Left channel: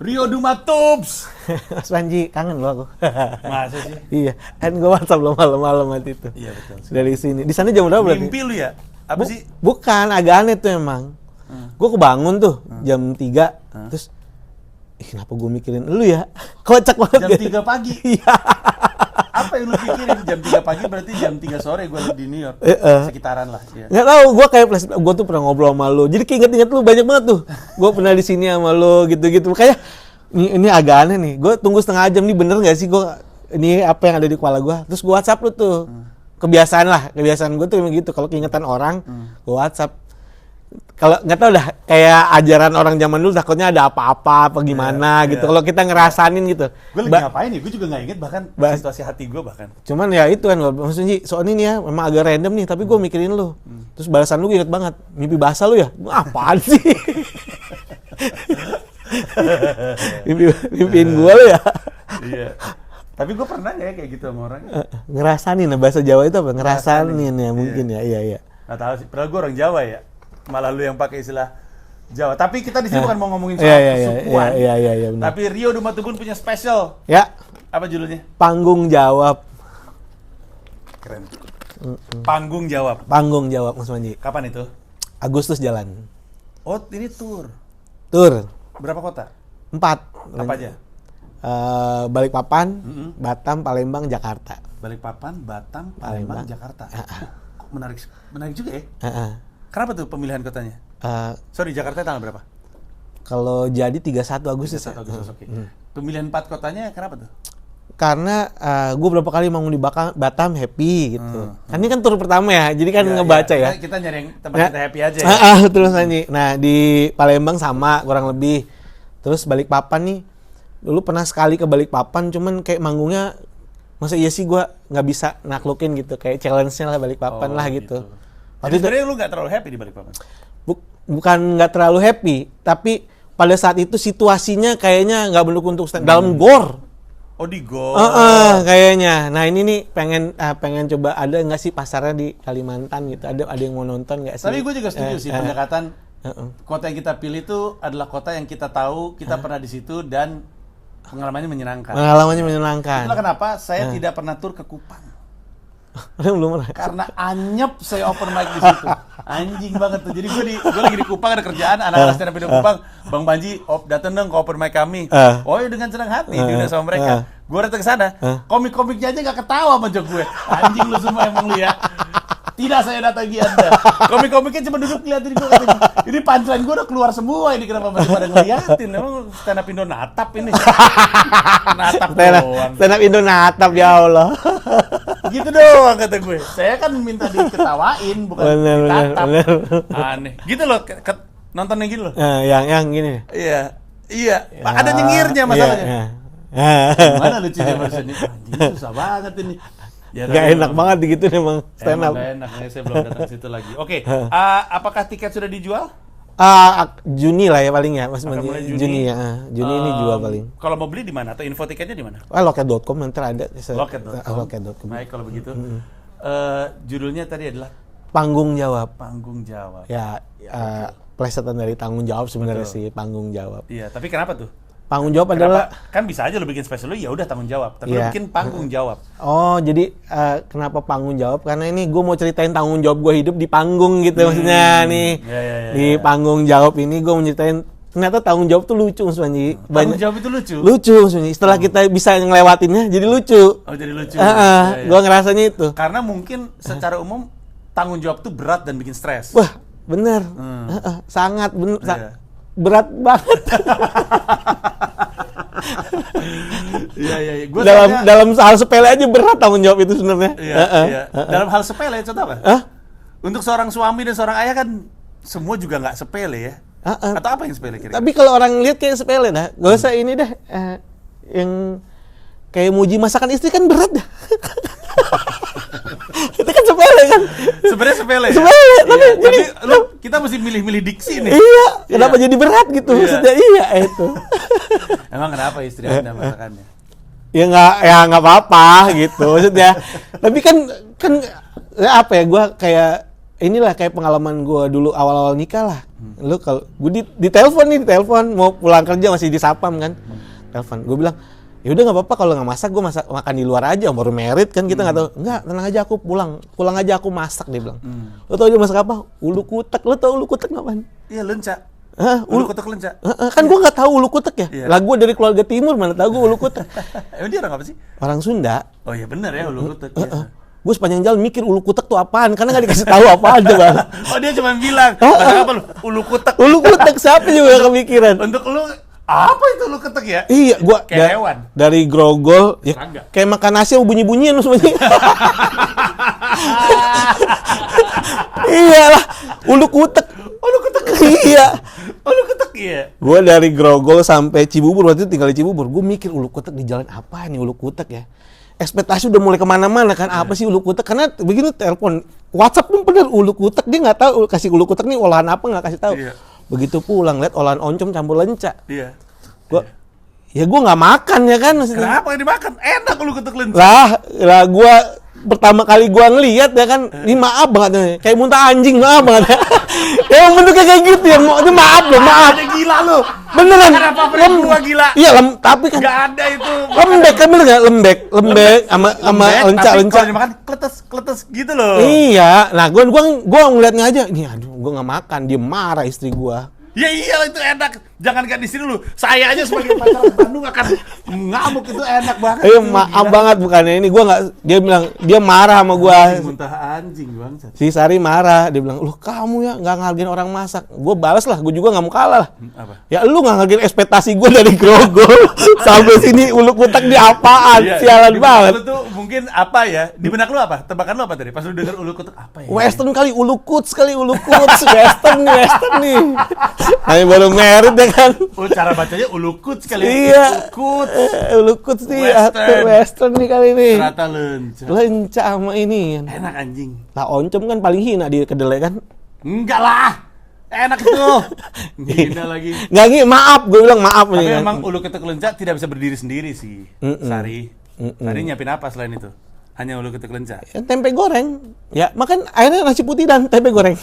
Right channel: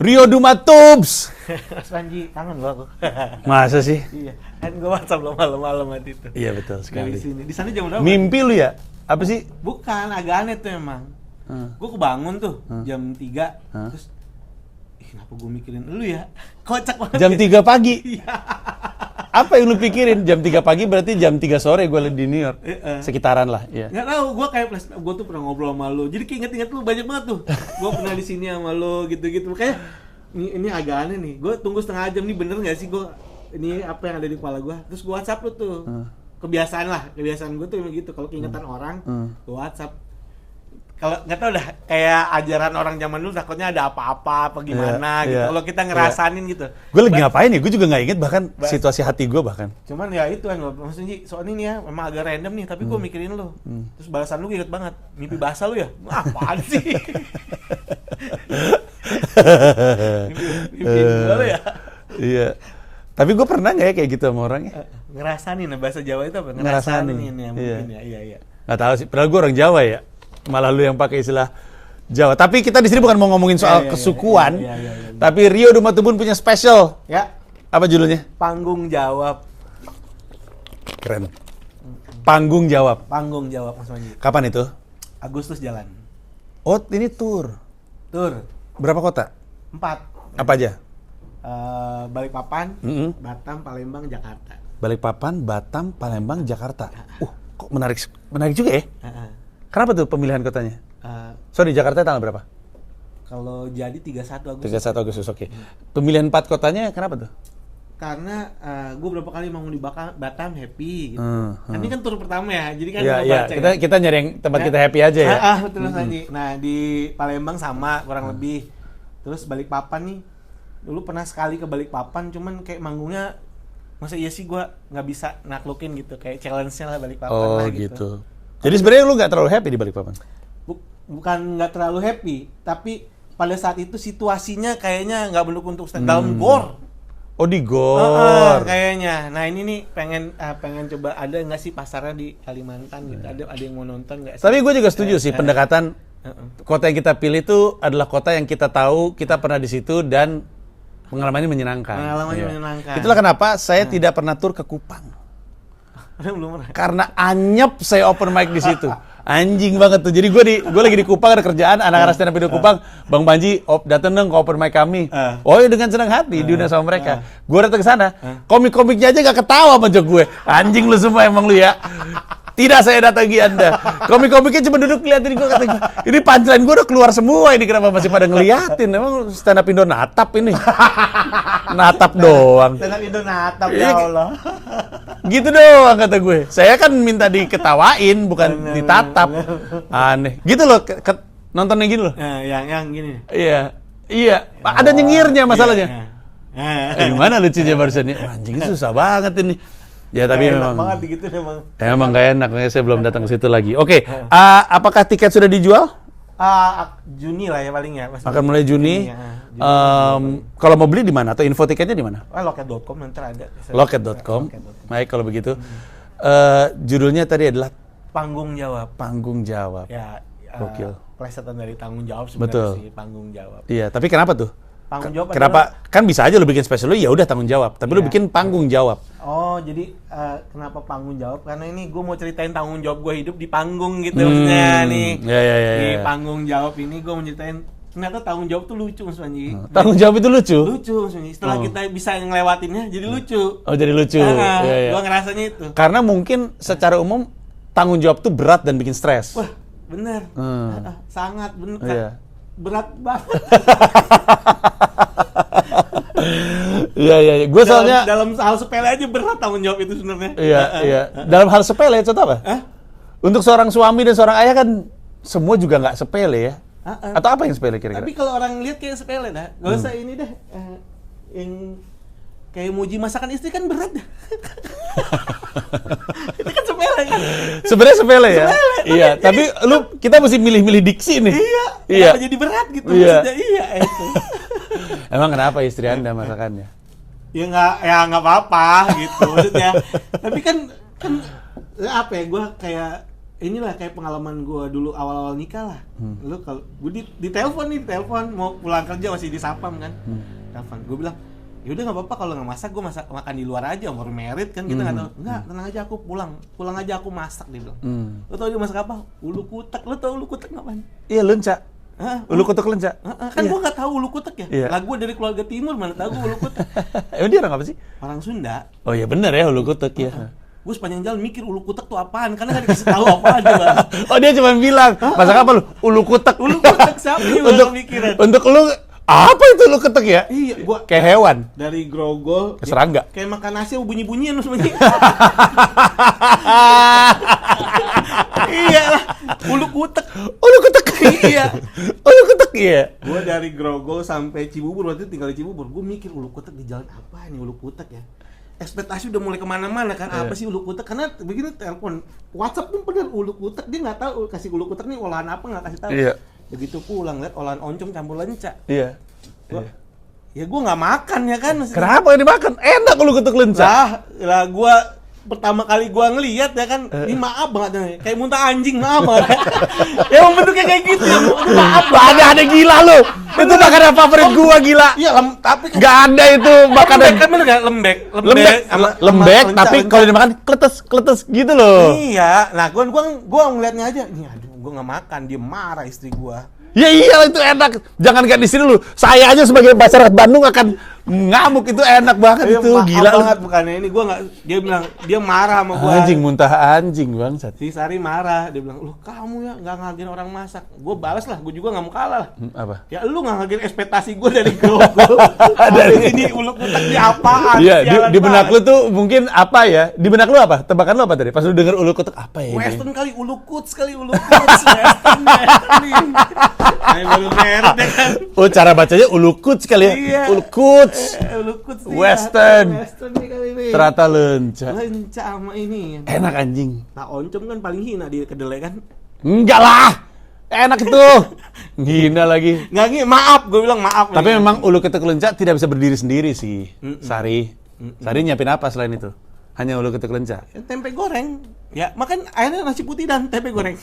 Rio Dumatubs. Mas Panji, kangen loh aku. Masa sih? Iya, kan gue WhatsApp lo malam-malam waktu itu. Iya betul. Dari sini. Di sana jam berapa? Mimpi lu ya? Apa sih? Bukan, agak aneh tuh emang. Gue kebangun tuh jam 3, terus kenapa gue mikirin lu ya? Kocak banget. Jam 3 pagi. Iya. Apa yang lu pikirin? Jam 3 pagi berarti jam 3 sore gue di New York. Sekitaran lah. Iya. Nggak tahu, gue tuh pernah ngobrol sama lu. Jadi keinget-inget lu banyak banget tuh. Gue pernah di sini sama lu gitu-gitu. Makanya ini agak aneh nih. Gue tunggu setengah jam nih, bener nggak sih ini apa yang ada di kepala gue? Terus gue WhatsApp lu tuh. Kebiasaan gue tuh gitu. Kalau keingetan orang, gue WhatsApp. Kalau nggak tahu dah, kayak ajaran orang zaman dulu takutnya ada apa-apa apa gimana gitu. Kalau kita ngerasanin gitu. Gue lagi ngapain ya? Gue juga nggak inget bahkan situasi hati gue bahkan. Cuman ya itu kan, maksudnya soal ini ya memang agak random nih, tapi gue mikirin lu. Terus balasan lu inget banget, mimpi basah lu ya? Apaan sih? Mimpiin gue lu ya? Iya. Tapi gue pernah nggak ya kayak gitu sama orangnya? Ngerasanin, bahasa Jawa itu apa? Ngerasanin ya mungkin ya, iya. Nggak tahu sih, padahal gue orang Jawa ya. Malah lu yang pakai istilah Jawa. Tapi kita di sini bukan mau ngomongin soal kesukuan. Iya, tapi Rio Dumatubun punya special. Ya. Apa judulnya? Panggung Jawab. Keren. Panggung Jawab. Panggung Jawab, Mas Manji. Kapan itu? Agustus jalan. Oh, ini tour. Tur. Berapa kota? 4. Apa aja? Balikpapan, Batam, Palembang, Jakarta. Balikpapan, Batam, Palembang, Jakarta. Kok menarik juga ya? Kenapa tuh pemilihan kotanya? Sorry, Jakarta tanggal berapa? Kalau jadi 31 Agustus. 31 Agustus, oke. Pemilihan 4 kotanya kenapa tuh? Karena gue berapa kali mau di Batam happy gitu. Kan ini kan tur pertama ya, jadi kan ngebaca ya. Kita nyari yang tempat kita happy aja ya. Betul Sanji. Nah di Palembang sama kurang lebih. Terus Balikpapan nih, dulu pernah sekali ke Balikpapan, cuman kayak manggungnya, masa iya sih gue nggak bisa naklukin gitu, kayak challenge-nya lah Balikpapan lah gitu. Jadi sebenarnya lu nggak terlalu happy di Balikpapan? Bukan nggak terlalu happy, tapi pada saat itu situasinya kayaknya nggak mendukung untuk stand dalam gor. Oh di gor. Kayaknya. Nah ini nih pengen coba, ada nggak sih pasarnya di Kalimantan gitu? Ada yang mau nonton nggak sih? Tapi gue juga setuju sih pendekatan kota yang kita pilih itu adalah kota yang kita tahu kita pernah di situ dan pengalamannya menyenangkan. Menyenangkan. Itulah kenapa saya tidak pernah tur ke Kupang. Belum pernah. Karena anyep saya open mic di situ. Anjing banget tuh. Jadi gue lagi di Kupang, ada kerjaan, anak-anak stand up di Kupang. Bang Panji, datang dong ke open mic kami. Oh ya, dengan senang hati diundang sama mereka. Gue datang ke sana, komik-komiknya aja gak ketawa sama jok gue. Anjing lu semua emang lu ya. Tidak saya datangi Anda. Komik-komiknya cuma duduk ngeliatin gue, kata gue, ini punchline gue udah keluar semua, ini kenapa masih pada ngeliatin? Emang stand up Indo natap ini. Natap doang. Stand up Indo natap, ya Allah. Gitu doang kata gue. Saya kan minta diketawain, bukan ditatap. Aneh. Gitu loh, nontonnya gitu loh. Yang gini. Iya. Ada nyengirnya masalahnya. Gimana lucunya barusan ini? Anjing susah banget ini. Ya, tapi enak banget gitu emang. Emang gak enak, saya belum datang ke situ lagi. Oke, apakah tiket sudah dijual? Juni lah ya paling ya. Akan mulai Juni. Juni dijual paling. Kalau mau beli di mana? Atau info tiketnya di mana? Loket.com nanti ada. Loket.com. Baik kalau begitu. Judulnya tadi adalah Panggung Jawab. Panggung Jawab. Ya, plesetan dari tanggung jawab sebenarnya sih, panggung jawab. Iya, tapi kenapa tuh? Panggung jawab kenapa? Kan bisa aja lu bikin spesial lu ya udah tanggung jawab, tapi lu bikin panggung jawab. Oh, jadi kenapa panggung jawab? Karena ini gue mau ceritain tanggung jawab gue hidup di panggung gitu maksudnya nih. Di panggung jawab ini gue mau ceritain ternyata tanggung jawab tuh lucu Mas Panji. Tanggung jawab itu lucu? Lucu Mas Panji. Setelah kita bisa ngelewatinnya jadi lucu. Oh, jadi lucu. Gue ngerasanya itu. Karena mungkin secara umum tanggung jawab tuh berat dan bikin stres. Wah, bener. Sangat bener. Berat banget. Iya. Gue dalam hal sepele aja berat tanggung jawab itu sebenarnya. Iya. Dalam hal sepele, contoh apa? Untuk seorang suami dan seorang ayah kan semua juga nggak sepele ya. Atau apa yang sepele kira-kira? Tapi kalau orang lihat kayak sepele dah. Gak usah ini dah. Yang kayak muji masakan istri kan berat dah. Itu kan sepele kan? Sebenarnya sepele ya? Iya, tapi kita mesti milih-milih diksi nih. Iya, kenapa jadi berat gitu maksudnya? Iya, itu. Emang kenapa istri Anda masakannya? Ya nggak apa-apa gitu maksudnya. Tapi kan apa ya, gue kayak inilah kayak pengalaman gue dulu awal-awal nikah lah. Lu kalau gue di telepon mau pulang kerja masih di sapam kan. Telepon. Gue bilang, "Ya udah enggak apa-apa kalau enggak masak, gue makan di luar aja, baru merit kan kita enggak tahu." "Enggak, tenang aja aku pulang aja aku masak," dia bilang. Lo tau dia masak apa? Ulu kutek. Lo tau ulu kutek ngapain? Iya, lenca. Hah? Ulu kutek lenca. Kan gue nggak tahu ulu kutek ya. Iya. Lah gue dari keluarga timur mana tahu gue ulu kutek. Emang dia orang apa sih? Orang Sunda. Oh iya benar ya, ulu kutek ya. Gue sepanjang jalan mikir ulu kutek tuh apaan, karena nggak dikasih tahu apa aja bang. Oh dia cuma bilang, masak apa lu? Ulu kutek. Ulu kutek siapa juga nggak kepikiran. Untuk lu apa itu ulu kutek ya? Iya, gue Kayak hewan. dari grogol, Serangga. kayak makan nasi bunyi-bunyian semuanya. Iya lah, ulu kutek. Iya. Ulu kutek ya. Gue dari Grogol sampai Cibubur, waktu itu tinggal di Cibubur. Gue mikir ulu kutek di jalan apa nih ulu kutek ya. Ekspektasi udah mulai kemana-mana kan, apa sih ulu kutek? Karena begini telepon, WhatsApp pun bener ulu kutek, dia nggak tahu kasih ulu kutek nih olahan apa, nggak kasih tahu. Iya. Begitu pulang lihat olahan oncom campur lenca. Iya. Ya gue nggak makan ya kan maksudnya. Kenapa yang dimakan? Enak ulu kutek lenca. Lah gue pertama kali gua ngelihat ya kan, ini maaf banget nih, kayak muntah anjing, maaf banget. Emang bentuknya kayak gitu ya, ini maaf loh, Gak ada gila lu. Bener lah karena favorit gua gila. Iya, tapi kan Gak ada itu lembek kan bener nggak lembek sama lembek, lenca, tapi lenca. kalau dimakan kletes gitu loh. Iya, nah gua ngeliatnya aja, nih aduh, gua nggak makan, dia marah istri gua. Ya iyalah itu enak. Jangan kan di sini lu. Saya aja sebagai pacar Bandung akan ngamuk, itu enak banget itu. Maaf Gila banget bukannya ini, gua nggak, dia bilang dia marah sama gua. Anjing, muntah anjing bangsat. Si Sari marah, dia bilang, "Loh kamu ya nggak ngehargain orang masak." Gue balas lah, gue juga nggak mau kalah lah. Apa? Ya lu nggak ngehargain ekspektasi gue dari Grogol sampai sini ulu kutek di apaan? Iya, Sialan di benak banget. lu tuh mungkin apa ya? Di benak lu apa? Tebakan lu apa tadi? Pas lu denger ulu kutek apa ya? Western kali, ulu kuts kali, ulu kuts. Western nih. Nah, baru merit ya kan. Oh, cara bacanya ulu kuts kali ya? Iya. Ulu kuts. Ulu kuts nih. Western. Western nih kali ini. Ternyata lenca. Lenca sama ini. Enak anjing. Lah oncom kan paling hina di kedelai kan. Enggak lah. Enak itu. Gina lagi. Nggak maaf, gue bilang maaf. Tapi nih, memang ulu kutek lenca tidak bisa berdiri sendiri sih. Sari. Sari nyiapin apa selain itu? Hanya ulu kutek lenca. Ya, tempe goreng. Ya, makan airnya nasi putih dan tempe goreng.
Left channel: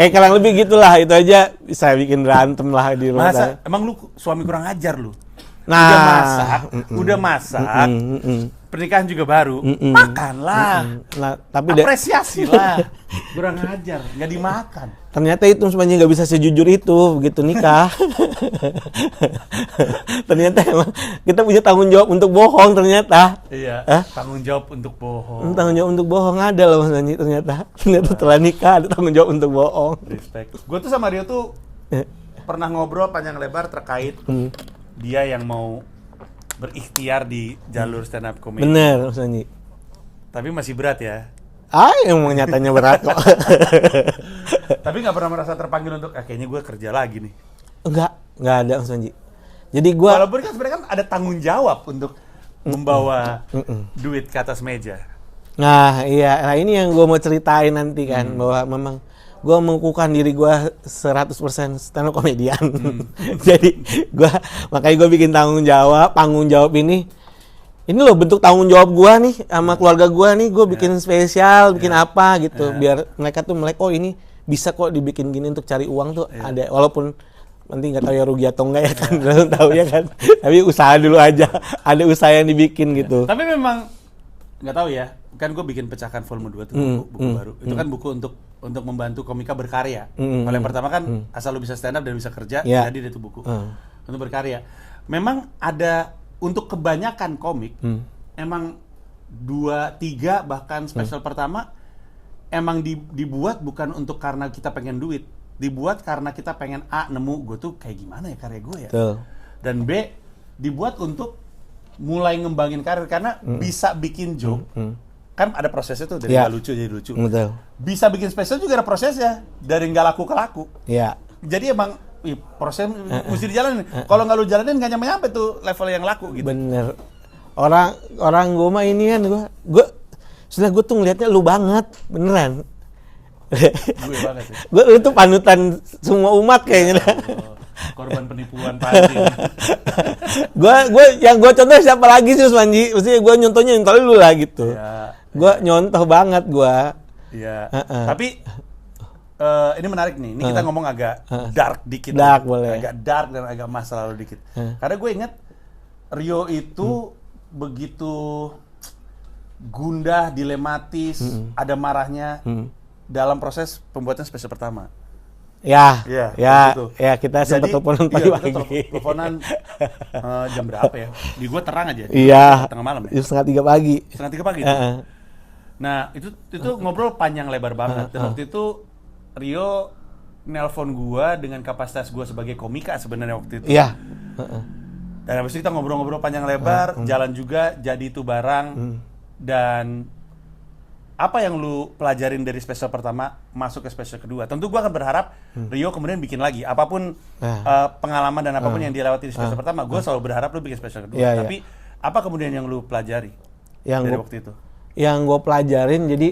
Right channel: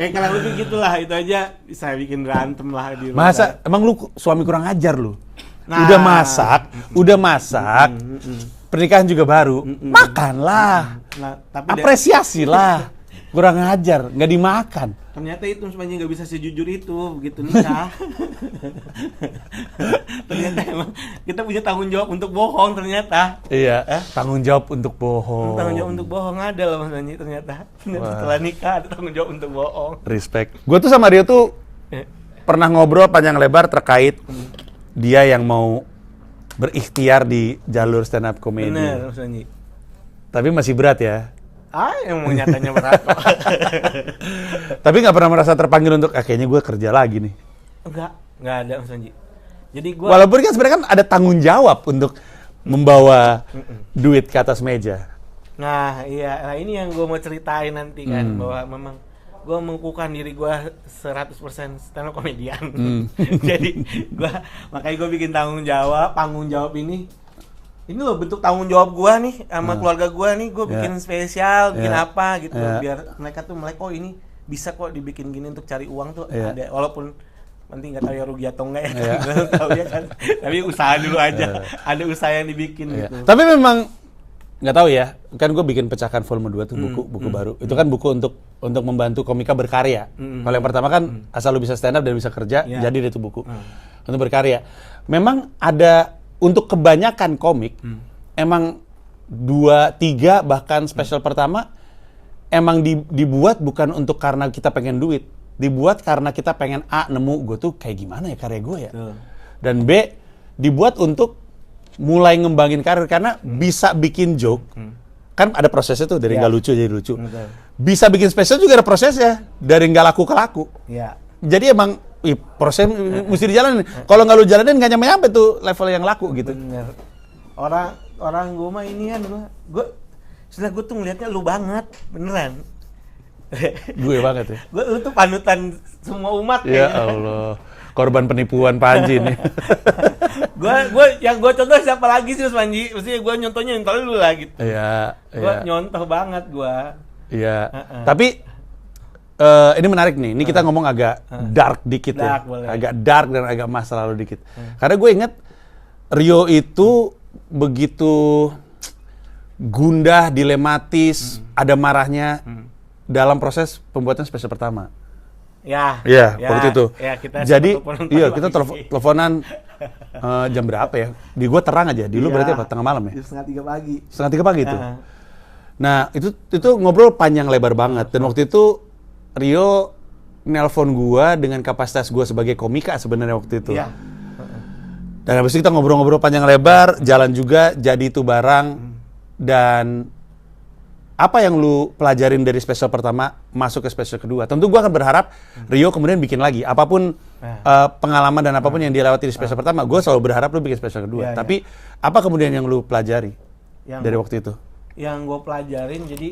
Kurang lebih gitulah, itu aja bisa bikin berantem lah di rumah. Masa emang lu suami kurang ajar lu? Nah. Udah masak. Pernikahan juga baru. Makanlah. Nah, tapi apresiasi lah. Kurang ajar, nggak dimakan. ternyata itu sebenarnya nggak bisa sejujur itu begitu nikah. Ternyata emang kita punya tanggung jawab untuk bohong ternyata. Iya. Tanggung jawab untuk bohong. Tanggung jawab untuk bohong ada loh Mas Anji ternyata. Ternyata setelah nikah ada tanggung jawab untuk bohong. Respect. Gue tuh sama Rio tuh pernah ngobrol panjang lebar terkait dia yang mau berikhtiar di jalur stand up comedy. Bener Mas Anji. Tapi masih berat ya. Emang nyatanya berat kok. Tapi nggak pernah merasa terpanggil untuk kayaknya gue kerja lagi nih. Nggak ada Mas Anji. Jadi gue Walaupun kan sebenarnya kan ada tanggung jawab untuk membawa duit ke atas meja. Nah iya, nah ini yang gue mau ceritain nanti kan bahwa memang gue mengukuhkan diri gue 100% stand up komedian. Jadi makanya gue bikin tanggung jawab ini loh bentuk tanggung jawab gue nih sama keluarga gue nih, gue bikin spesial, bikin apa gitu, biar mereka tuh melek, oh ini bisa kok dibikin gini untuk cari uang tuh ada, walaupun nanti nggak tahu ya rugi atau enggak ya kan, belum tahu ya kan, tapi usaha dulu aja, ada usaha yang dibikin gitu. Tapi memang nggak tahu ya, kan gue bikin pecahkan volume 2 tuh buku baru, itu kan buku untuk membantu komika berkarya. Kalau yang pertama kan asal lu bisa stand up dan bisa kerja, jadi itu buku untuk berkarya. Memang ada untuk kebanyakan komik, emang 2, 3 bahkan spesial pertama emang dibuat bukan untuk karena kita pengen duit, dibuat karena kita pengen nemu gue tuh kayak gimana ya karya gue ya. Dan B dibuat untuk mulai ngembangin karir karena bisa bikin joke. Kan ada prosesnya tuh dari nggak lucu jadi lucu. Bisa bikin spesial juga ada prosesnya dari nggak laku ke laku. Jadi emang proses mesti dijalanin. Kalau nggak lu jalanin nggak nyampe tuh level yang laku gitu. Bener. Orang gue mah ini kan gue sebenarnya gue tuh ngelihatnya lu banget beneran. Gue banget ya. Lu tuh panutan semua umat Ya kayaknya. Allah, korban penipuan Panji nih. Gue contoh siapa lagi sih Panji? Maksudnya gue nyontohnya lu lah gitu. Iya. Gue nyontoh banget gue. Iya. Tapi ini menarik nih. Ini kita ngomong agak dark dikit. Dark, ya. boleh. Agak dark dan agak masa lalu dikit. Karena gue inget Rio itu begitu gundah, dilematis, ada marahnya dalam proses pembuatan spesial pertama. Ya, Waktu itu. Ya, kita jadi teleponan kita teleponan jam berapa ya? Di gua terang aja. Di Iya. tengah malam ya. 2:30 pagi. 2:30 pagi itu. Nah, itu ngobrol panjang lebar banget. Dan waktu itu Rio nelpon gua dengan kapasitas gua sebagai komika sebenarnya waktu itu. Iya. Dan habis itu kita ngobrol-ngobrol panjang lebar, jalan juga, jadi itu barang. Dan apa yang lu pelajarin dari spesial pertama masuk ke spesial kedua? Tentu gua akan berharap Rio kemudian bikin lagi. Apapun pengalaman dan apapun yang dia lewati di spesial pertama, gua selalu berharap lu bikin spesial kedua. Iya, Tapi apa kemudian yang lu pelajari dari waktu itu? Yang gue pelajarin jadi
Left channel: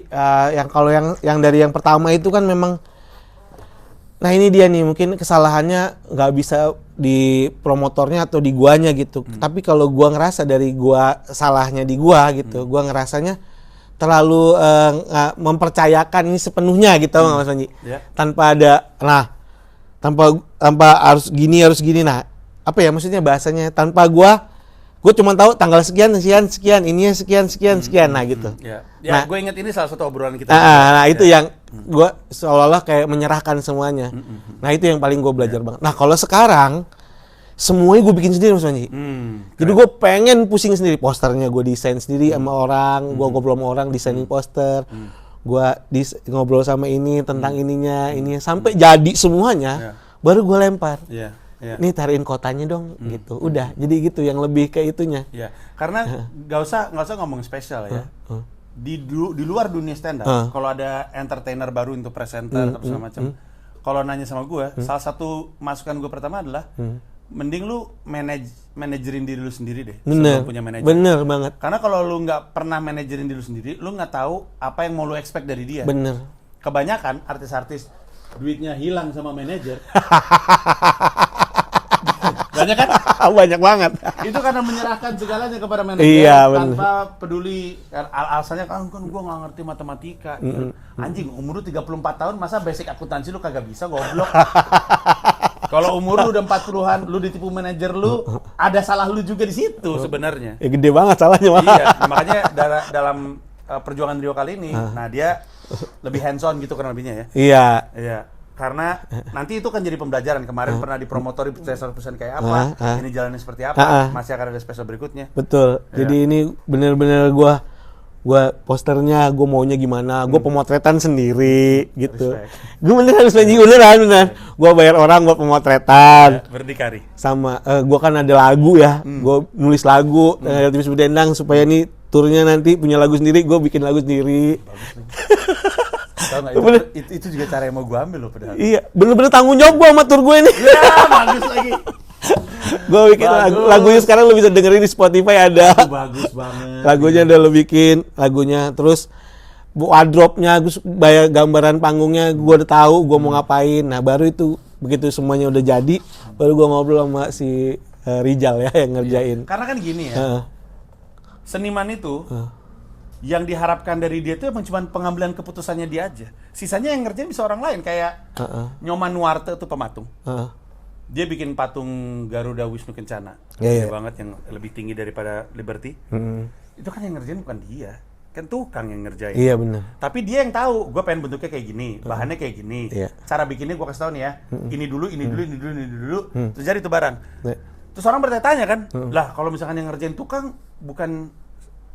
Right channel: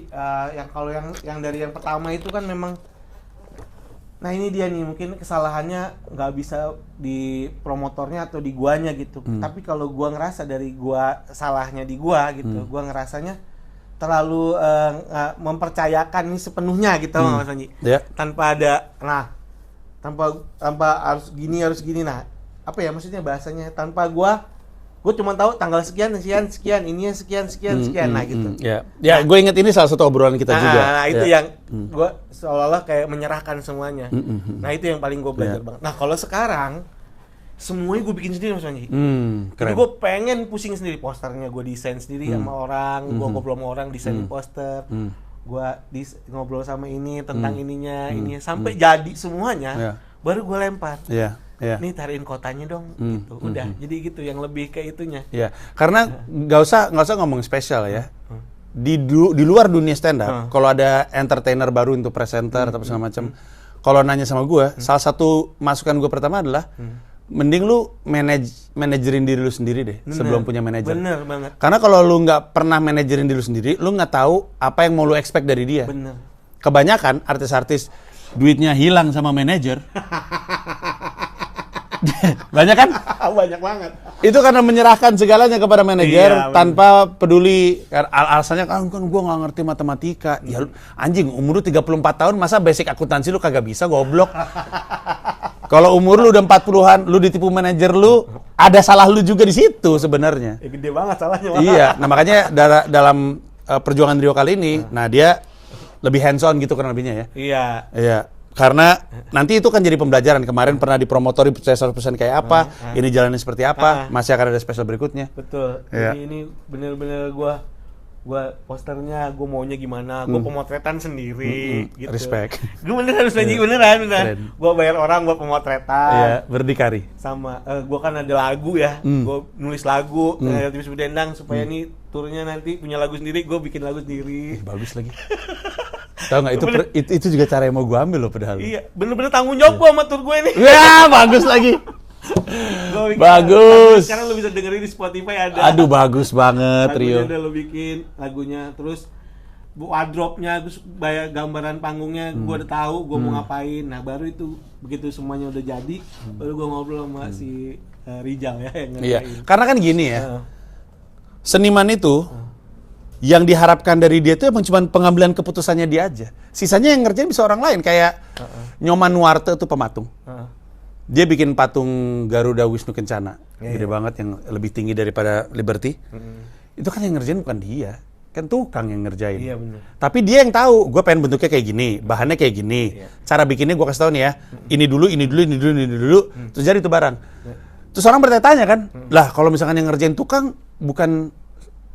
yang dari yang pertama itu kan memang, nah ini dia nih mungkin kesalahannya nggak bisa di promotornya atau di guanya gitu. Tapi kalau gua ngerasa dari gua salahnya di gua gitu, gua ngerasanya terlalu mempercayakan ini sepenuhnya gitu Mas Panji. Ya. Tanpa harus gini. Nah, apa ya maksudnya bahasanya, tanpa gua cuma tahu tanggal sekian, ininya sekian. Nah gitu. Ya, Nah, gue ingat ini salah satu obrolan kita juga. Nah, itu yang gue seolah-olah kayak menyerahkan semuanya. Nah, itu yang paling gue belajar banget. Nah, kalau sekarang semuanya gue bikin sendiri Mas Panji. Jadi gue pengen pusing sendiri, posternya gue desain sendiri sama orang, gue ngobrol sama orang desainin poster, gue ngobrol sama ini tentang ininya, sampai jadi semuanya, baru gue lempar. Nih tariin kotanya dong, gitu. Udah, jadi gitu yang lebih ke itunya. Ya, karena nggak usah ngomong spesial ya. Di luar dunia stand up, kalau ada entertainer baru untuk presenter atau segala macam, kalau nanya sama gue, salah satu masukan gue pertama adalah mending lu manajerin diri lu sendiri deh sebelum punya manajer. Bener banget. Karena kalau lu nggak pernah manajerin diri lu sendiri, lu nggak tahu apa yang mau lu expect dari dia. Bener. Kebanyakan artis-artis duitnya hilang sama manajer. Banyak kan? Banyak banget. Itu karena menyerahkan segalanya kepada manajer tanpa peduli alasannya kan gua nggak ngerti matematika. Ya, anjing, umur lu 34 tahun masa basic akuntansi lu kagak bisa, goblok. Kalau umur lu udah 40-an, lu ditipu manajer lu, ada salah lu juga di situ sebenarnya. Ya gede banget salahnya. Iya, nah, makanya dalam perjuangan Rio kali ini, nah dia lebih hands on gitu kan lebihnya ya. Iya. Karena nanti itu kan jadi pembelajaran. Kemarin pernah dipromotori special kayak apa, ini jalannya seperti apa, masih akan ada special berikutnya. Betul. Jadi ini bener-bener gua posternya gua maunya gimana, gua pemotretan sendiri gitu. Respect. Gua beneran beneran. Gua bayar orang buat pemotretan. Berdikari. Sama gua kan ada lagu ya. Gua nulis lagu Timis Berdendang supaya nih turnya nanti punya lagu sendiri, gua bikin lagu sendiri. Bagus lagi. Tahu nggak itu juga cara yang mau gue ambil loh padahal. Iya, bener-bener tanggung jawab gue sama tur gue ini. Ya, bagus lagi. Gue bikin lagunya sekarang lu bisa dengerin di Spotify ada. Aduh, bagus banget. Lagunya udah lu bikin, lagunya terus wardrobe-nya, gue bayar gambaran panggungnya, gue udah tahu gue mau ngapain. Nah, baru itu begitu semuanya udah jadi, baru gue ngobrol sama si Rijal ya yang ngerjain. Karena kan gini ya. Seniman itu yang diharapkan dari dia itu emang cuma pengambilan keputusannya dia aja. Sisanya yang ngerjain bisa orang lain. Kayak Nyoman Nuarte tuh pematung. Dia bikin patung Garuda Wisnu Kencana. Gede banget yang lebih tinggi daripada Liberty. Itu kan yang ngerjain bukan dia. Kan tukang yang ngerjain. Iya benar. Tapi dia yang tahu, gue pengen bentuknya kayak gini, bahannya kayak gini. Cara bikinnya gue kasih tau nih ya. Ini dulu. Terus jadi itu barang. Terus orang bertanya-tanya kan, lah kalau misalkan yang ngerjain tukang bukan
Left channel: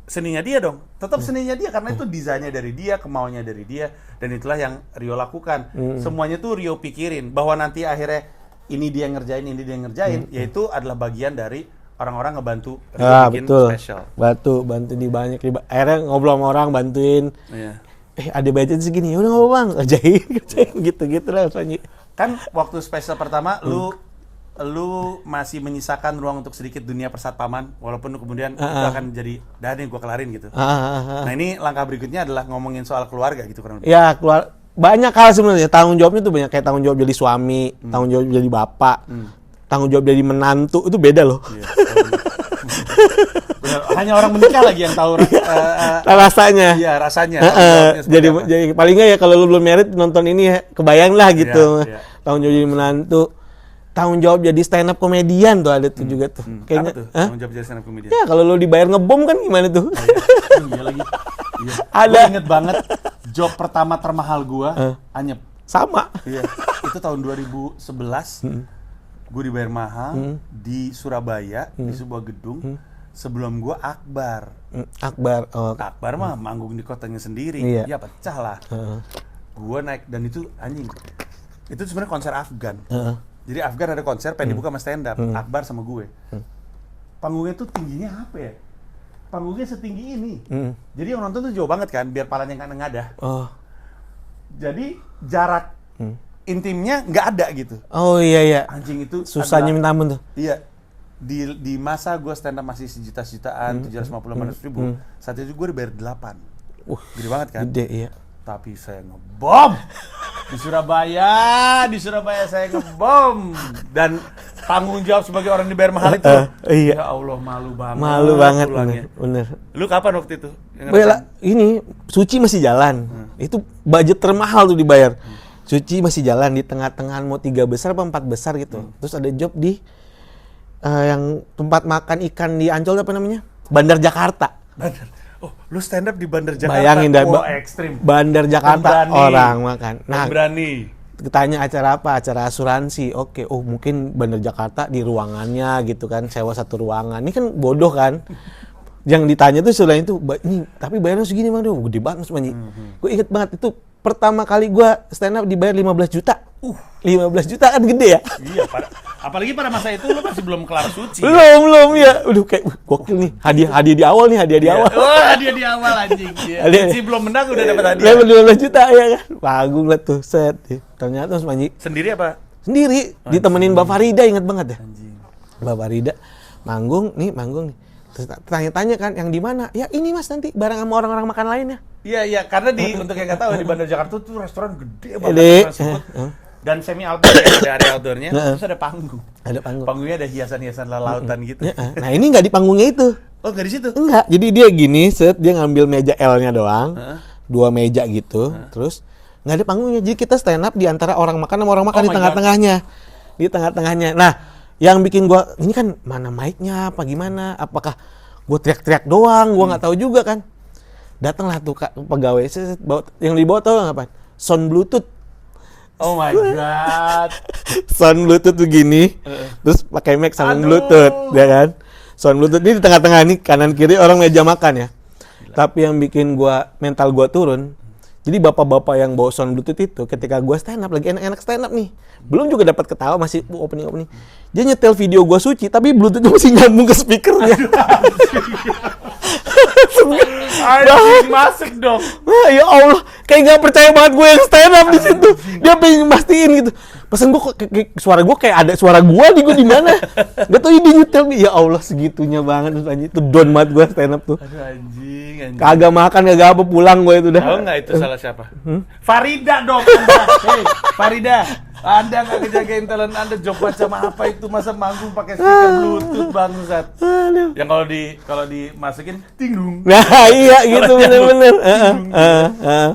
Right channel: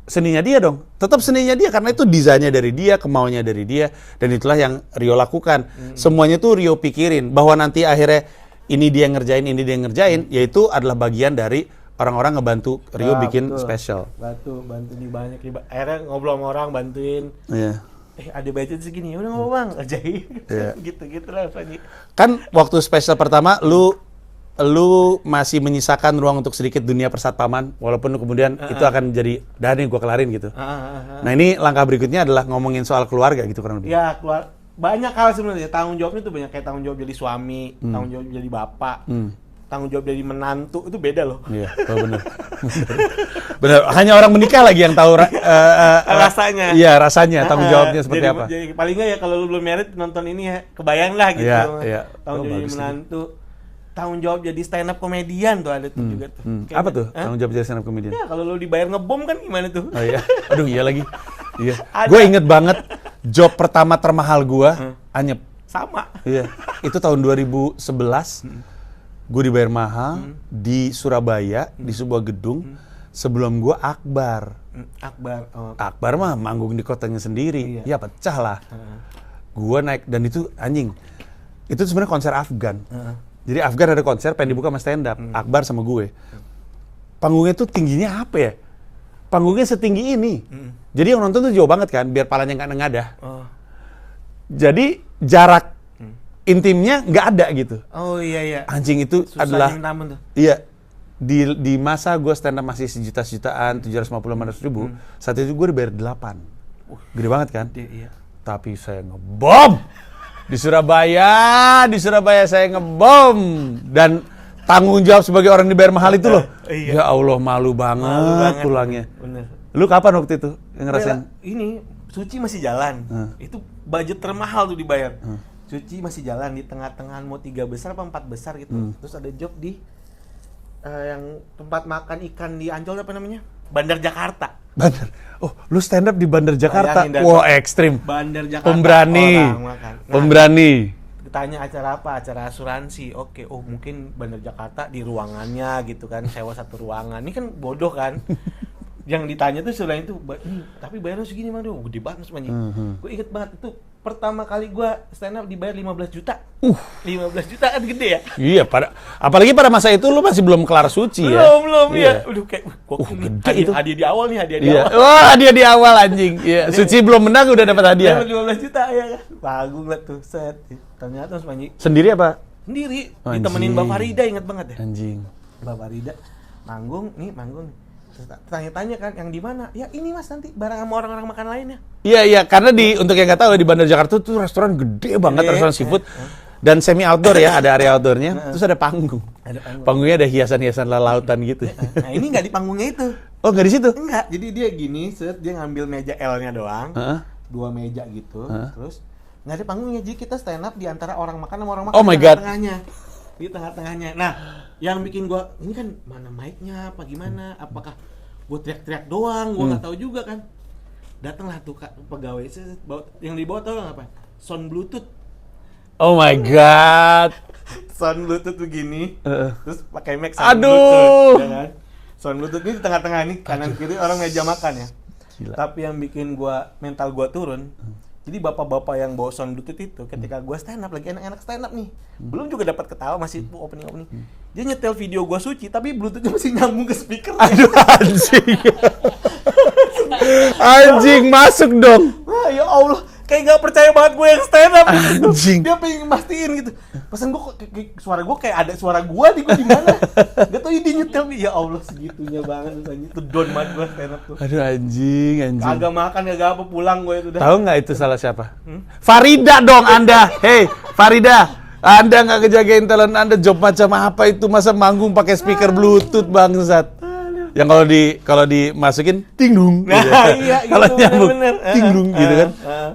seninya dia dong, tetap seninya dia karena itu desainnya dari dia, kemauannya dari dia, dan itulah yang Rio lakukan. Semuanya tuh Rio pikirin bahwa nanti akhirnya ini dia ngerjain, yaitu adalah bagian dari orang-orang ngebantu Rio bikin spesial. Bantu di banyak, akhirnya ngobrol sama orang, bantuin. Ada budget segini, udah nggak apa bang, ajaib, gitu lah Panji. Kan waktu spesial pertama lu masih menyisakan ruang untuk sedikit dunia persatpaman, walaupun kemudian itu akan jadi dah nih gue kelarin gitu. Nah ini langkah berikutnya adalah ngomongin soal keluarga gitu kan? Ya banyak hal sebenarnya. Tanggung jawabnya tuh banyak, kayak tanggung jawab jadi suami, tanggung jawab jadi bapak, tanggung jawab jadi menantu, itu beda loh. Iya, benar. Benar. Hanya orang menikah lagi yang tahu rasanya. Iya, rasanya tanggung jawabnya seperti apa. Jadi paling nggak ya kalau lu belum married nonton ini ya, kebayang lah gitu. Iya. Tanggung jawab jadi menantu, tanggung jawab jadi stand up komedian tuh ada tuh juga tuh. Apa tuh? Tanggung jawab jadi stand up comedian. Ya kalau lu dibayar ngebom kan gimana tuh? Oh, iya. Aduh, iya lagi. Iya. Ada. Gue inget banget job pertama termahal gue, anyep. Sama. Iya. Itu tahun 2011. Gue dibayar mahal di Surabaya di sebuah gedung. Sebelum gue Akbar. Akbar. Oh. Akbar mah manggung di kotanya sendiri. Iya. Ya pecah lah. Gue naik dan itu anjing. Itu sebenarnya konser Afgan. Jadi Afgan ada konser pengen dibuka sama stand up. Akbar sama gue. Panggungnya tuh tingginya apa ya? Panggungnya setinggi ini. Jadi yang nonton tuh jauh banget kan, biar palanya nggak nengadah. Oh. Jadi jarak intimnya nggak ada gitu. Oh iya. Anjing itu Susahnya adalah, minta ampun tuh. iya. Di masa gue stand up masih sejuta-jutaan, 750-500 ribu, saat itu gue dibayar 8. Gede banget kan? Gede, iya. Tapi saya ngebom di Surabaya saya ngebom dan tanggung jawab sebagai orang dibayar mahal itu. Iya. Ya Allah, malu banget. Malu banget pulangnya. bener. Lu kapan waktu itu? Ini Suci masih jalan. Itu budget termahal tuh dibayar. Suci masih jalan di tengah-tengah mau 3 besar apa 4 besar gitu. Terus ada job di yang tempat makan ikan di Ancol apa namanya? Bandar Jakarta. Bandar. Oh, lu stand up di Bandar Jakarta. Bayangin dan wah, ekstrim. Bandar Jakarta Pemberani. orang makan. Pemberani. Ditanya acara apa? Acara asuransi. Oke, mungkin Bandar Jakarta di ruangannya gitu kan, sewa satu ruangan. Ini kan bodoh kan. Yang ditanya tuh selain itu, nih, tapi bayarnya segini mah, gede banget Mas Manji. Gue inget banget itu pertama kali gue stand up dibayar 15 juta. 15 juta kan gede ya? Iya, apalagi pada masa itu lu masih belum kelar Suci. Belum ya? Udah kayak gokil nih. Hadiah di awal nih, hadiah di awal. Wah, hadiah di awal anjing. Ya. Suci belum menang udah dapat hadiah. 15 juta ya kan. Panggung lah tuh, set. Ternyata Mas Manji sendiri apa? sendiri, ditemenin Mbak Farida, inget banget ya. Anjing. Mbak Farida manggung nih. Terus tanya-tanya kan, yang di mana? Ya ini Mas, nanti bareng sama orang-orang makan lainnya. Iya, karena untuk yang nggak tahu di Bandar Jakarta tuh restoran gede banget, restoran seafood. Dan semi outdoor ya, ada area outdoornya. Terus ada panggung. Panggungnya ada hiasan-hiasan lautan gitu. Nah ini nggak di panggungnya itu. Oh, nggak di situ? Enggak. Jadi dia gini, dia ngambil meja L-nya doang, 2 meja gitu. Terus nggak ada panggungnya. Jadi kita stand up di antara orang makan sama orang makan di tengah-tengahnya. Di tengah-tengahnya. Nah, yang bikin gua ini kan mana mic-nya apa gimana? Apakah gua teriak-teriak doang? Gua nggak tahu juga kan. Datanglah tuh pegawai yang dibawa tahu nggak apa? Sound Bluetooth. Oh my god. Sound Bluetooth tuh gini. Terus pakai mic sound Bluetooth, ya kan? Sound Bluetooth ini di tengah-tengah nih, kanan kiri orang meja makan ya. Gila. Tapi yang bikin mental gua turun. Jadi bapak-bapak yang bawa sound Bluetooth itu ketika gua stand up, lagi enak-enak stand up nih, belum juga dapat ketawa, masih opening. Dia nyetel video gua Suci, tapi Bluetooth masih nyambung ke speaker. Aduh, anjing masuk dong. Ya Allah, kayak gak percaya banget gue yang stand up gitu. Dia pengen mastiin gitu. Pesan gue suara gue kayak ada suara gue di mana. Gak tau dia nyetel. Ya Allah, segitunya banget itu don banget gue stand up tuh. Aduh anjing. Kagak makan, kagak apa, pulang gue itu dah. Tahu nggak itu salah siapa? Farida dong Anda. Hei, Farida. Anda nggak ngejagain talent Anda, job macam apa itu, masa manggung pakai speaker Bluetooth bangsat. Yang kalau dimasukin ting-dung. Nah, iya gitu bener-bener. Ting-dung gitu kan.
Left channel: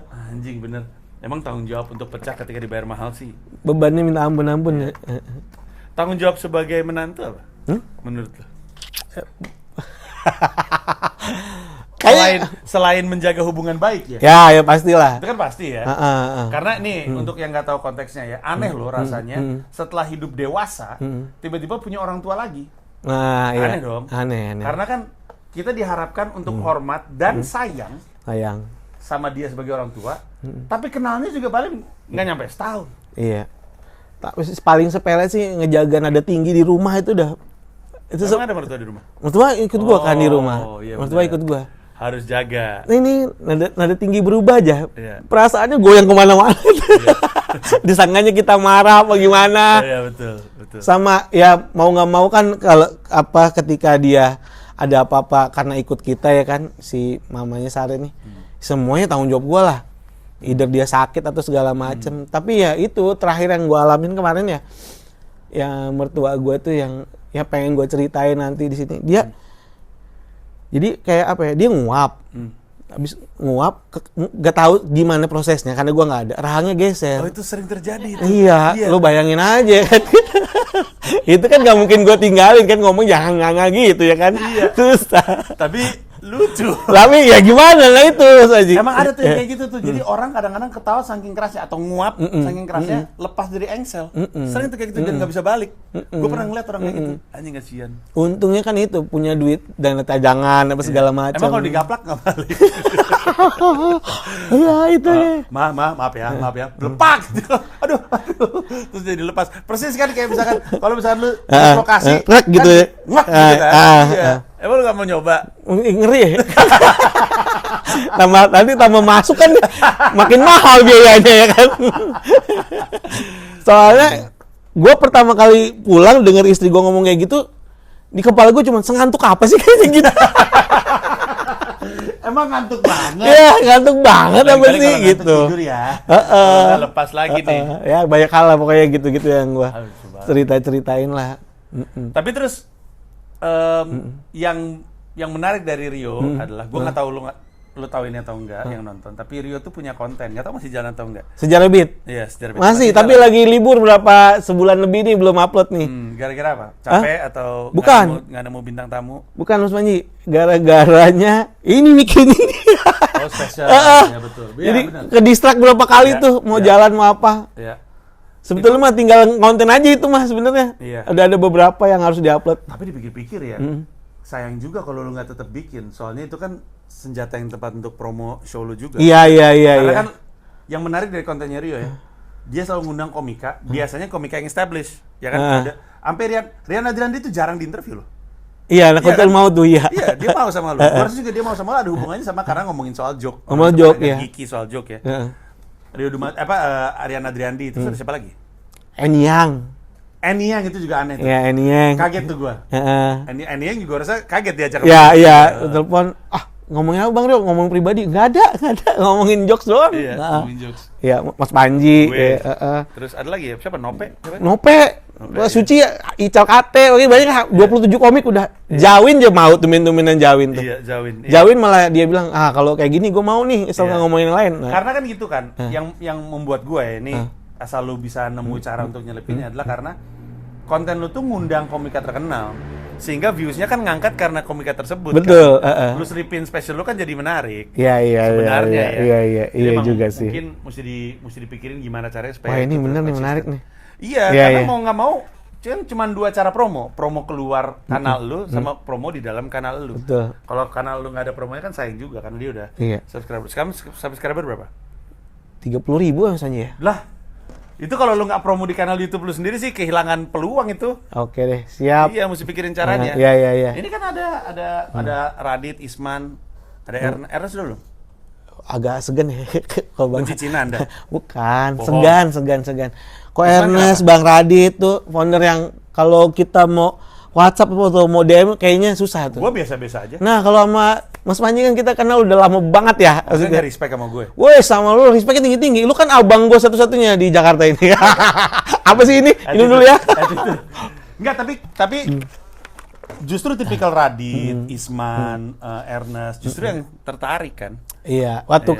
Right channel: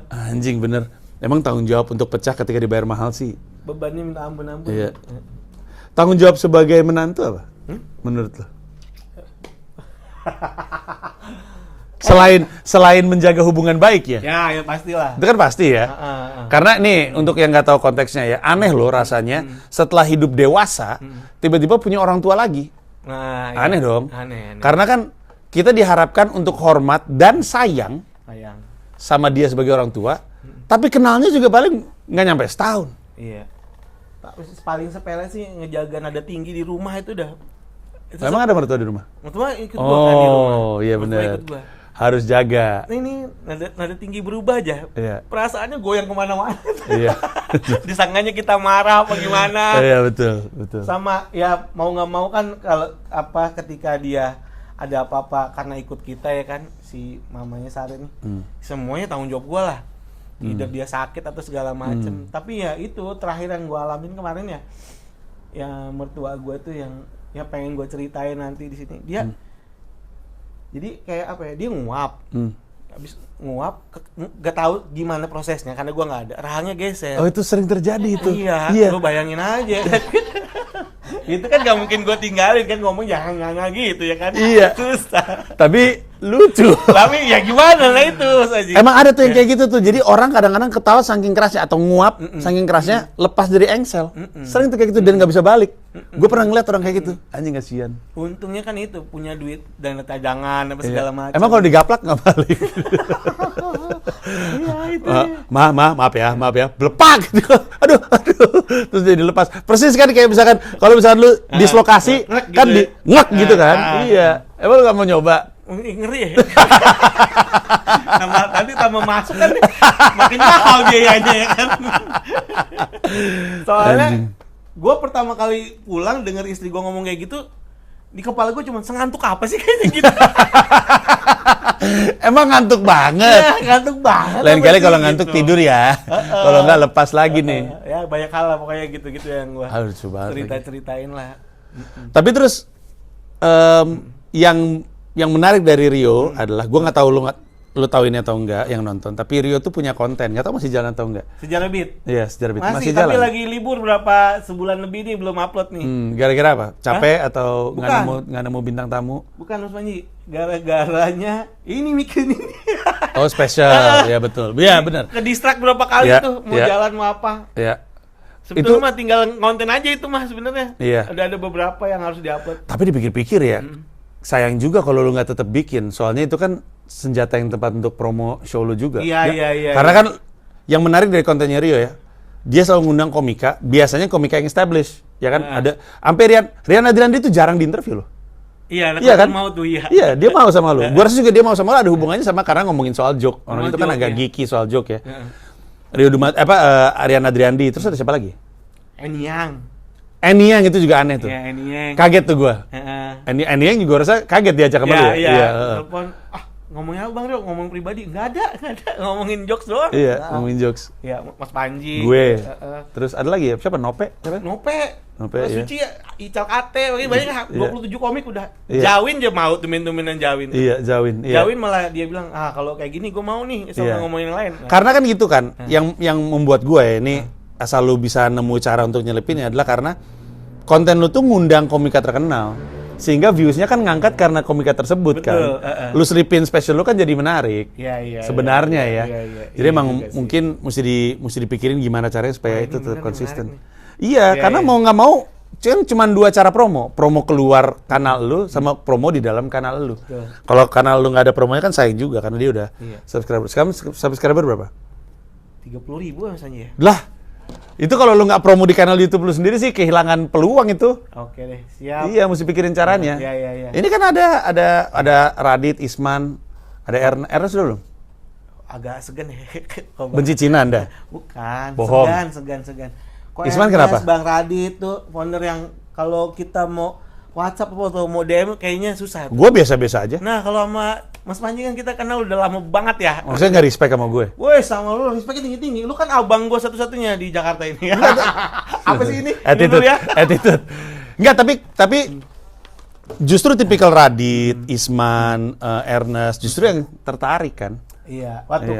Anjing bener. Emang tanggung jawab untuk pecah ketika dibayar mahal sih. Bebannya minta ampun-ampun. Iya. Tanggung jawab sebagai menantu apa? Menurut lo? Selain menjaga hubungan baik ya? Ya pastilah. Itu kan pasti ya. Karena nih untuk yang nggak tahu konteksnya ya, aneh loh rasanya setelah hidup dewasa tiba-tiba punya orang tua lagi. Nah, aneh iya. dong. Aneh. Karena kan kita diharapkan untuk hormat dan sayang sama dia sebagai orang tua, tapi kenalnya juga paling nggak nyampe setahun. Iya. Paling sepele sih ngejaga nada tinggi di rumah itu udah. Itu emang ada mertua di rumah? Mertua ikut gua kan di rumah. Oh iya benar. Mertua ikut gua. Harus jaga. Nah, ini nada tinggi berubah aja. Iya. Perasaannya goyang kemana-mana. Iya. Disangkanya kita marah apa gimana. Iya betul. Sama ya mau nggak mau kan kalau ketika dia ada apa-apa karena ikut kita ya kan, si mamanya Sari nih. Semuanya tanggung jawab gua lah. either dia sakit atau segala macem. Tapi ya itu terakhir yang gue alamin kemarin ya, yang mertua gue tuh yang ya pengen gue ceritain nanti di sini. Dia jadi kayak apa ya? Dia nguap. Habis nguap, gak tahu gimana prosesnya karena gua nggak ada. Rahangnya geser. Oh, itu sering terjadi itu. Iya. Lo bayangin aja kan. Itu kan nggak mungkin gua tinggalin kan, ngomong jangan nganga gitu ya kan. Iya. Susah. Tapi lucu. Tapi ya gimana lah itu Haji. Emang ada tuh yang kayak gitu tuh. Jadi orang kadang-kadang ketawa saking kerasnya atau nguap saking kerasnya lepas dari engsel. Sering tuh kayak gitu dan nggak bisa balik. Gue pernah ngeliat orang kayak gitu. Anjing kasihan. Untungnya kan itu punya duit dan tajangan apa segala macam. Emang kalau digaplak nggak balik? Iya itu. Maaf ya. Lepak gitu. Aduh. Terus dia dilepas. Persis kan kayak misalkan kalau misalkan lu dislokasi ngek kan gitu ya. ngek gitu kan. Iya. Emang lu nggak mau nyoba? Ngeri ya. Nanti tambah masuk kan makin mahal biayanya ya kan. Soalnya gue pertama kali pulang denger istri gue ngomong kayak gitu, di kepala gue cuma sengantuk apa sih kayaknya gitu. Emang ngantuk banget. Ya, ngantuk banget. Lain kali kalau ngantuk gitu. tidur ya. Kalau nggak lepas lagi nih. Ya banyak hal lah pokoknya gitu-gitu yang gue Coba. cerita-ceritain lah. Tapi terus yang menarik dari Rio adalah gue nggak tahu lu tahu ini atau enggak yang nonton, tapi Rio tuh punya konten, nggak tahu masih jalan atau enggak. Sejarah Beat. Iya, Sejarah Beat. Masih tapi jalan. lagi libur sebulan lebih nih belum upload nih. Gara-gara apa? Capek atau Bukan. nggak nemu bintang tamu? Bukan Mas Panji, gara-garanya ini bikin ini. Oh, spesial. Ya betul. Iya, benar. Ke distract berapa kali Ya, tuh mau ya. jalan mau apa. Ya. Sebetulnya mah tinggal konten aja itu mah sebenarnya. Iya. Ada beberapa yang harus diupload. Tapi dipikir-pikir ya, sayang juga kalau lu nggak tetap bikin. Soalnya itu kan senjata yang tepat untuk promo show lu juga. Iya. Karena kan yang menarik dari kontennya Rio ya, dia selalu ngundang komika, biasanya komika yang established, ya kan? Ada sampai Rian Adriandi itu jarang diinterview loh. Iya, anak kan mau tuh ya. Iya, dia mau sama lu. Gua rasa juga dia mau sama lu ada hubungannya sama karena ngomongin soal joke. Ngomong Itu joke, kan agak ya. geeky soal joke ya. Rian Adriandi, terus ada siapa lagi? Eniang itu juga aneh tuh. Ya, Eniang. Kaget tuh gua. Heeh. Eniang juga rasa kaget diajak sama Iya, lu. iya. Telepon, ngomongin apa Bang Rio? Ngomong pribadi? Nggak ada. Ngomongin jokes doang. Iya, ngomongin jokes. Iya, Mas Panji. Gue. Iya, Terus ada lagi ya? Siapa? Nope? Nope. Nope, Suci, Ical Kate, oke banyak 27 komik udah. Jawin aja mau tumin-tuminan Jawin. Iya, Zawin. Iya. Jawin malah dia bilang, kalau kayak gini gue mau nih, asal nggak ngomongin yang lain. Nah, Karena kan gitu kan, yang membuat gue ya, ini asal lu bisa nemu cara untuk nyelipin adalah karena konten lu tuh ngundang komika terkenal. Sehingga views-nya kan ngangkat karena komika tersebut. Betul, kan. Lu selipin special lu kan jadi menarik. Iya. Sebenarnya ya. Iya. Jadi emang juga sih. mungkin mesti dipikirin gimana caranya supaya Wah, ini itu bener nih, konsisten. menarik nih. Iya, Iya, karena iya. mau nggak mau kan cuma 2 cara promo keluar kanal lu sama promo di dalam kanal lu. Betul. Kalau kanal lu nggak ada promonya kan sayang juga karena dia udah Iya. subscriber. Sekarang subscriber berapa? 30.000 misalnya ya. Lah, itu kalau lu nggak promo di kanal YouTube lu sendiri sih kehilangan peluang itu. Oke deh, siap. Iya, mesti pikirin caranya. Iya. Ini kan ada Radit, Isman, ada Ernest dulu. Agak segan ya. kalau Bang- Benci Cina Anda. Bukan, Bohong. segan. Kok Isman Ernest, kenapa? Bang Radit tuh founder yang kalau kita mau WhatsApp atau mau DM kayaknya susah tuh. Gue biasa-biasa aja. Nah, kalau sama Mas Panji kan kita kenal udah lama banget ya. Maksudnya nggak respect sama gue. Woi, sama lu respectnya tinggi-tinggi. Lu kan abang gua satu-satunya di Jakarta ini. Apa sih ini? Ini dulu ya. Attitude. Enggak, tapi justru tipikal Radit, Isman, Ernest justru yang tertarik kan. Iya, waktu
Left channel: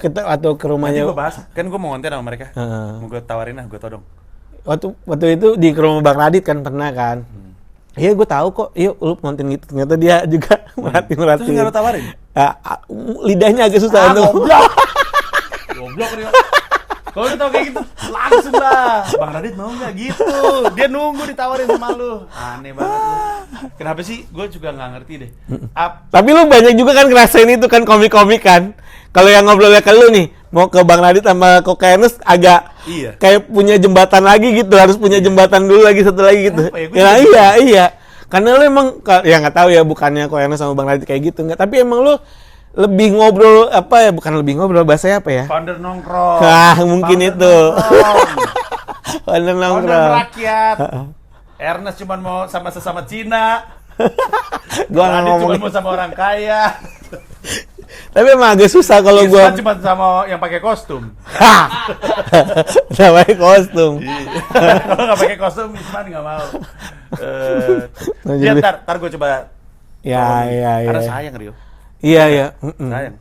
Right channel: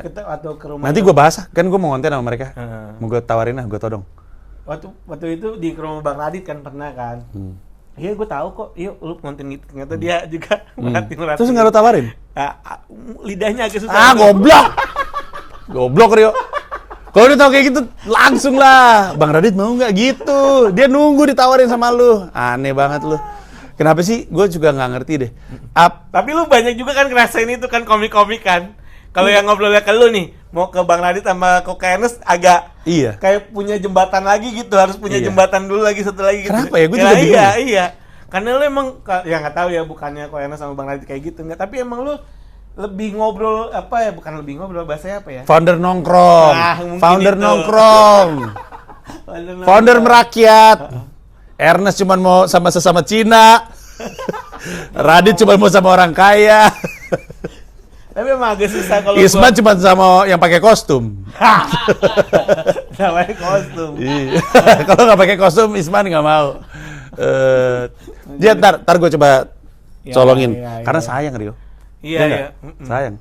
ke rumahnya. Nanti gue bahas, kan gue mau ngonten sama mereka. Heeh. Mau gue tawarin lah, gue todong. Waktu itu di rumah Bang Radit kan pernah kan. Iya, gue tahu kok. Yuk, lu nonton gitu. Ternyata dia juga merhatiin. Terus nggak lo tawarin? Lidahnya agak susah. Goblok! Goblok, Rio. Kalau udah tau kayak gitu, langsung lah. Bang Radit mau nggak gitu? Dia nunggu ditawarin sama lu. Aneh banget lu. Kenapa sih? Gue juga nggak ngerti deh. Tapi lu banyak juga kan ngerasain itu kan komik-komik kan. Kalau yang ngobrolnya ke lu nih, mau ke Bang Radit sama ke Ernest agak Iya. kayak punya jembatan lagi gitu, harus punya jembatan dulu lagi satu lagi gitu. Kenapa ya? Gua juga bingung. Iya. Karena lu emang ya nggak tahu ya bukannya kok Ernest sama Bang Radit kayak gitu nggak, tapi emang lu lebih ngobrol bukan lebih ngobrol bahasanya apa ya? Founder nongkrong. Nah, mungkin Founder itu. nongkrong. Founder nongkrong. merakyat. Ernest cuma mau sama sesama Cina. Radit cuma mau sama orang kaya. Tapi emang agak susah kalau Isman gua cuma sama yang pakai kostum. namanya kostum. Iya. Kalau nggak pakai kostum, Isman nggak mau. Dia ntar gue coba Ya, colongin. ya, Karena ya. sayang Rio. Iya, Iya, iya. sayang.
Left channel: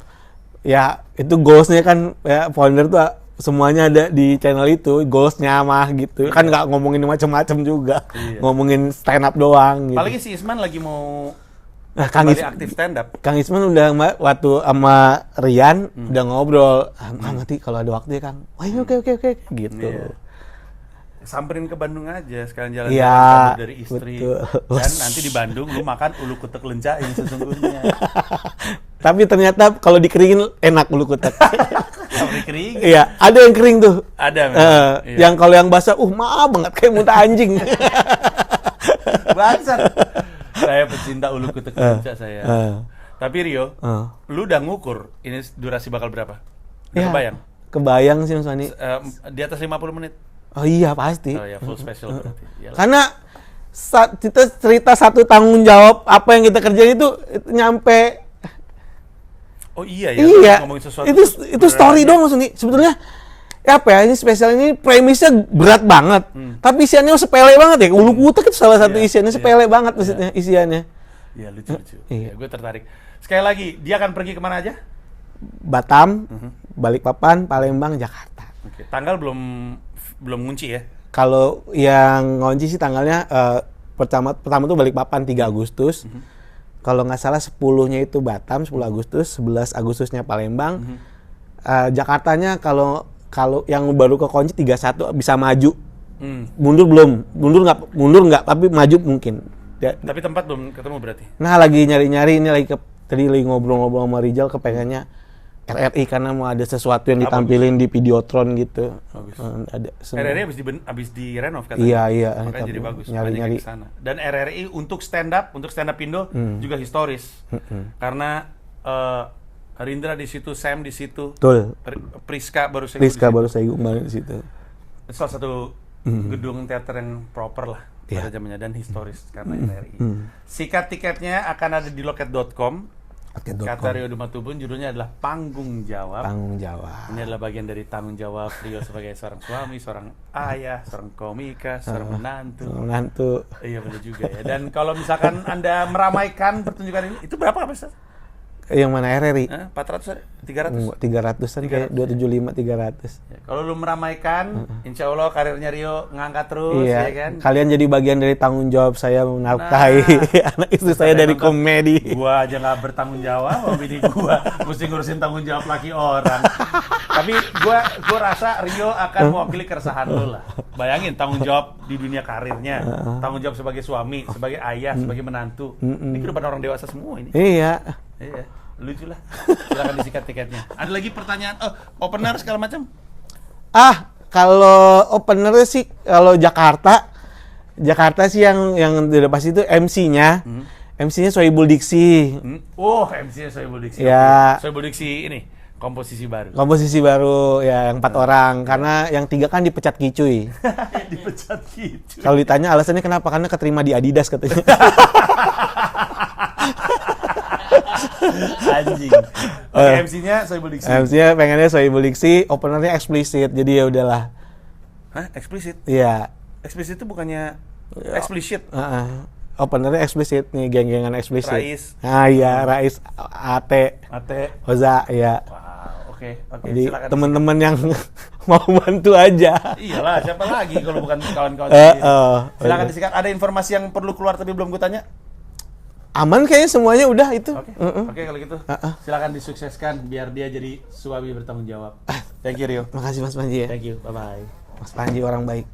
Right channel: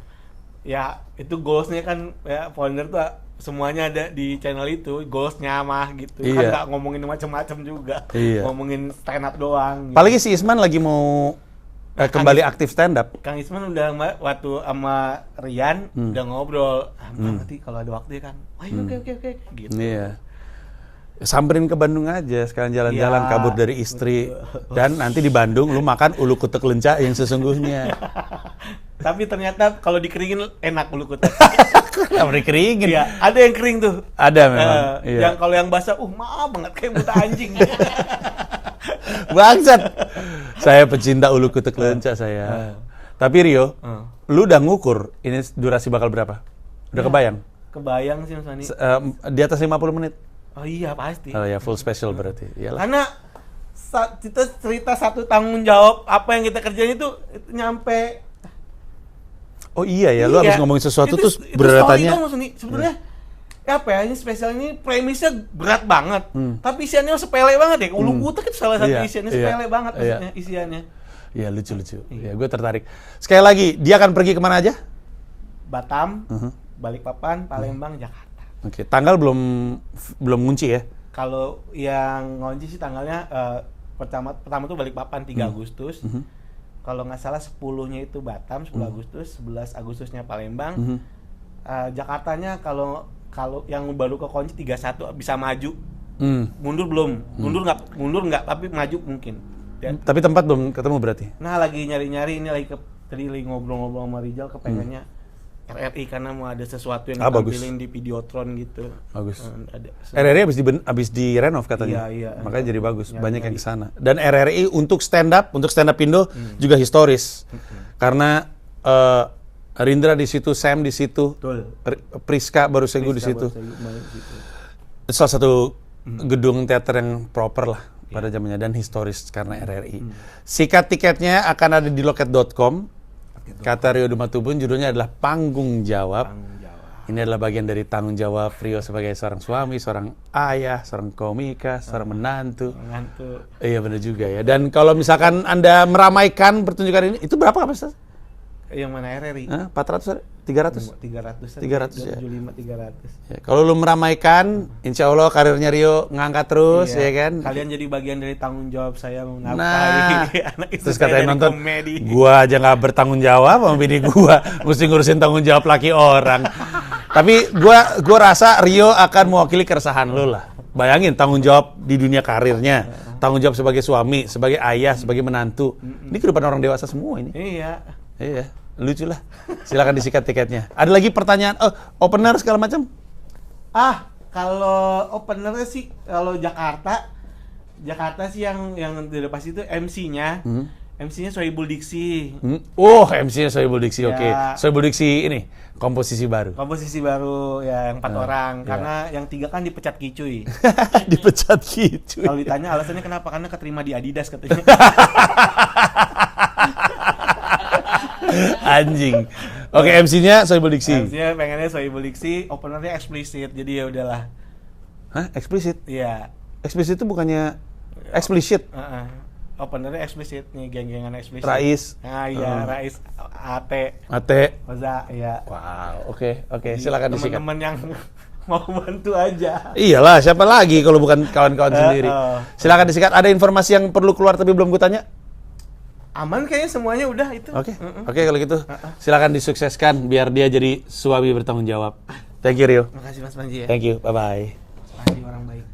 Ya, itu goalsnya kan ya founder tuh semuanya ada di channel itu, goalsnya mah gitu. Kan Iya. nggak ngomongin macam-macam juga. Iya. Ngomongin stand up doang gitu. Apalagi si Isman lagi mau Kang kembali Is- aktif stand up. Kang Isman udah waktu sama Rian udah ngobrol, nanti kalau ada waktu ya Kang. Wah, iya, oke gitu. Iya. Samperin ke Bandung aja, sekarang jalan-jalan Iya, kabur dari istri. betul. Kan nanti di Bandung lu makan ulu kutek lenca yang sesungguhnya. Tapi ternyata kalau dikeringin enak ulu kutek. Sampai kering. Iya, ada yang kering tuh. Ada memang. Iya. Yang kalau yang basah, maaf banget kayak muntah anjing. Bangsat. Saya pecinta ulu kutek lenca saya. Tapi Rio, lu udah ngukur ini durasi bakal berapa? Udah Ya, kebayang? Kebayang sih Mas Fani. Di atas 50 menit. Oh iya pasti. Oh ya, full special berarti. Iyalah. Karena kita cerita satu tanggung jawab apa yang kita kerjain itu nyampe. Oh iya ya, lu harus ngomongin sesuatu itu, terus itu story beratanya- dong maksudnya. Sebetulnya apa ya, ini spesial ini premisnya berat banget. Tapi isiannya sepele banget ya. Ulu kutek itu salah satu Iya, isiannya iya. sepele banget Iya. maksudnya isiannya. Iya, lucu-lucu. Iya, gue tertarik. Sekali lagi, dia akan pergi kemana aja? Batam, Balikpapan, Palembang, Jakarta. Oke, tanggal belum ngunci ya? Kalau yang ngunci sih tanggalnya pertama tuh Balikpapan 3 Agustus. Kalau nggak salah 10-nya itu Batam, 10 Agustus, 11 Agustusnya Palembang. Jakartanya kalau yang baru ke kunci 31 bisa maju. Mundur belum? Mundur nggak, tapi maju mungkin. Ya. Tapi tempat belum ketemu berarti? Nah, lagi nyari-nyari ini tadi lagi ngobrol-ngobrol sama Rijal kepengennya RRI karena mau ada sesuatu yang ditampilin di Videotron gitu. Bagus. Ada RRI habis direnov katanya. Iya. Makanya jadi bagus, Nyari-nyari. banyak yang di sana. Dan RRI untuk stand up Indo juga historis. Karena Rindra di situ, Sam di situ, Betul. Priska baru Segu di Rizka situ. baru saya kemarin di situ. Salah satu gedung teater yang proper lah pada zamannya dan historis karena RRI. Sikat tiketnya akan ada di loket.com. Kata Rio Dumatubun, judulnya adalah Panggung Jawab. Tanggung jawab. Ini adalah bagian dari tanggung jawab Rio sebagai seorang suami, seorang ayah, seorang komika, seorang menantu. Iya benar juga ya. Dan kalau misalkan Anda meramaikan pertunjukan ini, itu berapa Mas? Yang mana RRI? 400? 300? 300-an, 300, 275 300. Ya, kalau lu meramaikan, insya Allah karirnya Rio ngangkat terus, ya kan? Kalian jadi bagian dari tanggung jawab saya menafkahi anak istri Terus saya katanya dari nonton, komedi. Gua aja nggak bertanggung jawab sama bini gua, mesti ngurusin tanggung jawab laki orang. Tapi gua rasa Rio akan mewakili keresahan lu lah. Bayangin tanggung jawab di dunia karirnya, tanggung jawab sebagai suami, sebagai ayah, sebagai menantu. Ini kehidupan orang dewasa semua ini. Iya. Iya, lucu lah. Silakan disikat tiketnya. Ada lagi pertanyaan? Opener segala macam? Kalau openernya sih kalau Jakarta sih yang udah pasti itu MC-nya. MC-nya Sohibul Diksi. MC-nya Sohibul Diksi. Ya. Oke. Sohibul Diksi ini komposisi baru. Komposisi baru ya yang 4 orang karena yang 3 kan dipecat Kicuy. Dipecat gitu. Kalau ditanya alasannya kenapa? Karena keterima di Adidas katanya. Anjing. Oke, MC-nya Sohibul Diksi. MC-nya pengennya Sohibul Diksi, openernya eksplisit. Jadi ya udahlah. Hah? Eksplisit? Iya. Eksplisit itu bukannya eksplisit? Openernya eksplisit nih, geng-gengan eksplisit. Rais. Iya, Rais, Ate, Oza, ya. Wow, oke. Jadi Silakan teman-teman yang mau bantu aja. Iyalah, siapa lagi kalau bukan kawan-kawan sendiri. Silakan Oke. disikat. Ada informasi yang perlu keluar tapi belum gue tanya? Aman kayaknya semuanya udah itu. Oke, kalau gitu silakan disukseskan biar dia jadi suami bertanggung jawab. Thank you Rio. Makasih Mas Panji ya. Thank you. Bye bye. Mas Panji orang baik.